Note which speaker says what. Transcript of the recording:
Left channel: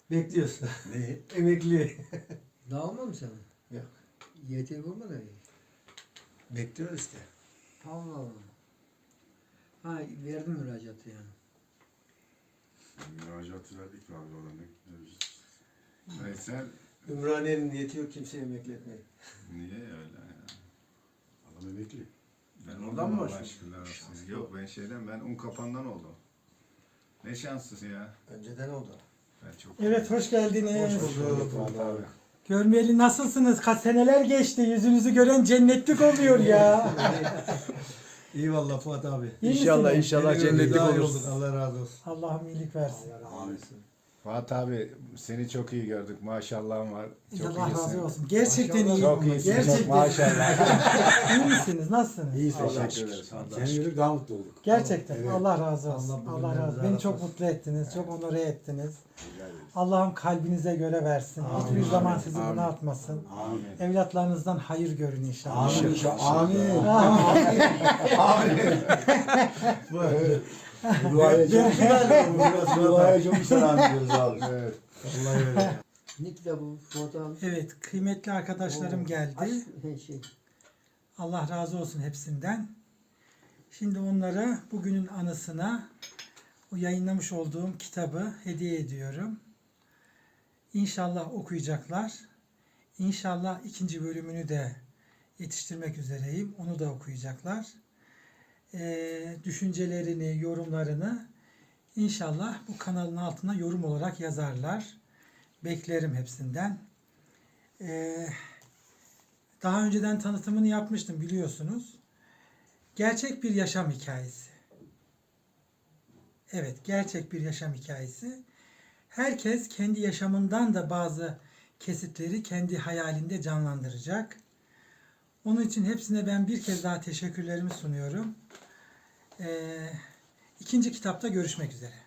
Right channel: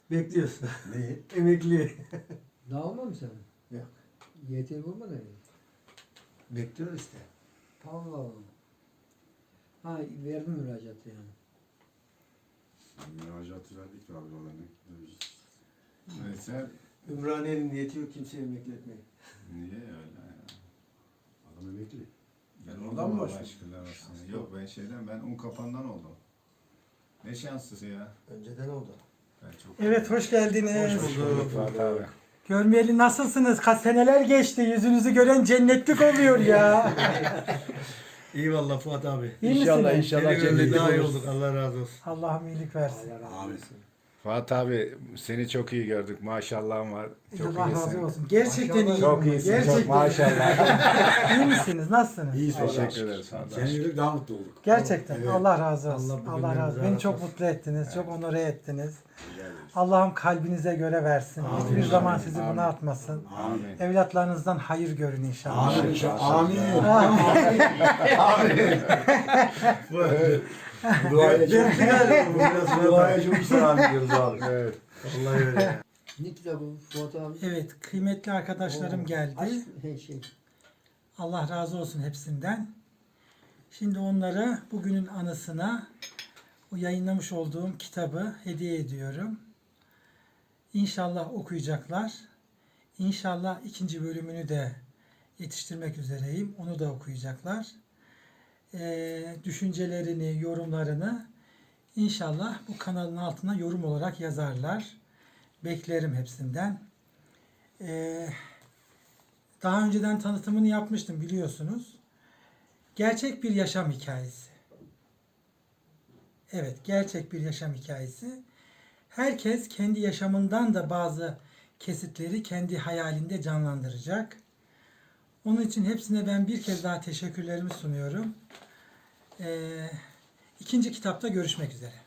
Speaker 1: Bekliyorsun.
Speaker 2: Ne?
Speaker 1: Emekli.
Speaker 3: Daha olmadı mı senin?
Speaker 1: Yok.
Speaker 3: YTV olmadı mı?
Speaker 1: Bekliyoruz işte.
Speaker 3: Allah Allah. Ha verdim müracaatı yani.
Speaker 2: Müracaatı verdik de abi ona ne? Neyse.
Speaker 1: Ümraniye'nin niyeti yok kimseye emekli etmeyi.
Speaker 2: Niye öyle ya? Adam emekli. Ben
Speaker 1: Oradan
Speaker 2: oradan
Speaker 1: mı
Speaker 2: mı
Speaker 1: başladın?
Speaker 2: başladın? Yok ben ben Unkapan'dan oldum. Ne şanslısın ya.
Speaker 1: Önceden oldu.
Speaker 2: Ben çok
Speaker 4: Evet, hoş geldiniz.
Speaker 1: Hoş bulduk.
Speaker 2: Abi.
Speaker 4: Görmeyeli nasılsınız? Kaç seneler geçti. Yüzünüzü gören cennetlik oluyor ya.
Speaker 1: İyi valla Fuat abi.
Speaker 4: İyi
Speaker 5: İnşallah
Speaker 4: misiniz?
Speaker 5: inşallah
Speaker 1: Yeni gördük,
Speaker 5: cennetlik
Speaker 1: daha iyi
Speaker 5: olursun.
Speaker 1: olduk. Allah razı olsun.
Speaker 4: Allah'ım iyilik versin.
Speaker 1: Abi.
Speaker 2: Fuat abi seni çok iyi gördük. Maşallahın var. Çok
Speaker 4: Allah razı
Speaker 2: iyisin.
Speaker 4: olsun. Gerçekten iyi.
Speaker 2: Çok iyisin.
Speaker 4: Gerçekten.
Speaker 2: Çok maşallah.
Speaker 4: İyi misiniz? Nasılsınız?
Speaker 1: İyi
Speaker 2: Teşekkür ederiz.
Speaker 5: Seni gördük daha mutlu olduk.
Speaker 4: Gerçekten.
Speaker 1: Evet.
Speaker 4: Allah razı olsun.
Speaker 1: Allah
Speaker 4: Allah razı olsun. Beni
Speaker 1: razı
Speaker 4: çok
Speaker 1: olsun.
Speaker 4: mutlu ettiniz. Çok onore ettiniz. Allah'ım kalbinize göre versin. Hiçbir
Speaker 1: Amin.
Speaker 4: zaman sizi
Speaker 2: Amin.
Speaker 4: bunaltmasın.
Speaker 2: Amin.
Speaker 4: Evlatlarınızdan hayır görün inşallah.
Speaker 1: Amin. Amin.
Speaker 4: Amin.
Speaker 5: Duaya çok
Speaker 1: Duaya
Speaker 5: çok selam ediyoruz abi.
Speaker 2: Evet.
Speaker 1: Vallahi öyle.
Speaker 3: Ne kitabı Fuat abi?
Speaker 4: Evet, kıymetli arkadaşlarım geldi.
Speaker 3: Şey.
Speaker 4: Allah razı olsun hepsinden. Şimdi onlara bugünün anısına o yayınlamış olduğum kitabı hediye ediyorum. İnşallah okuyacaklar. İnşallah ikinci bölümünü de yetiştirmek üzereyim. Onu da okuyacaklar. Düşüncelerini, yorumlarını inşallah bu kanalın altına yorum olarak yazarlar. Beklerim hepsinden. Daha önceden tanıtımını yapmıştım biliyorsunuz. Gerçek bir yaşam hikayesi. Evet, gerçek bir yaşam hikayesi. Herkes kendi yaşamından da bazı kesitleri kendi hayalinde canlandıracak. Onun için hepsine ben bir kez daha teşekkürlerimi sunuyorum. İkinci kitapta görüşmek üzere.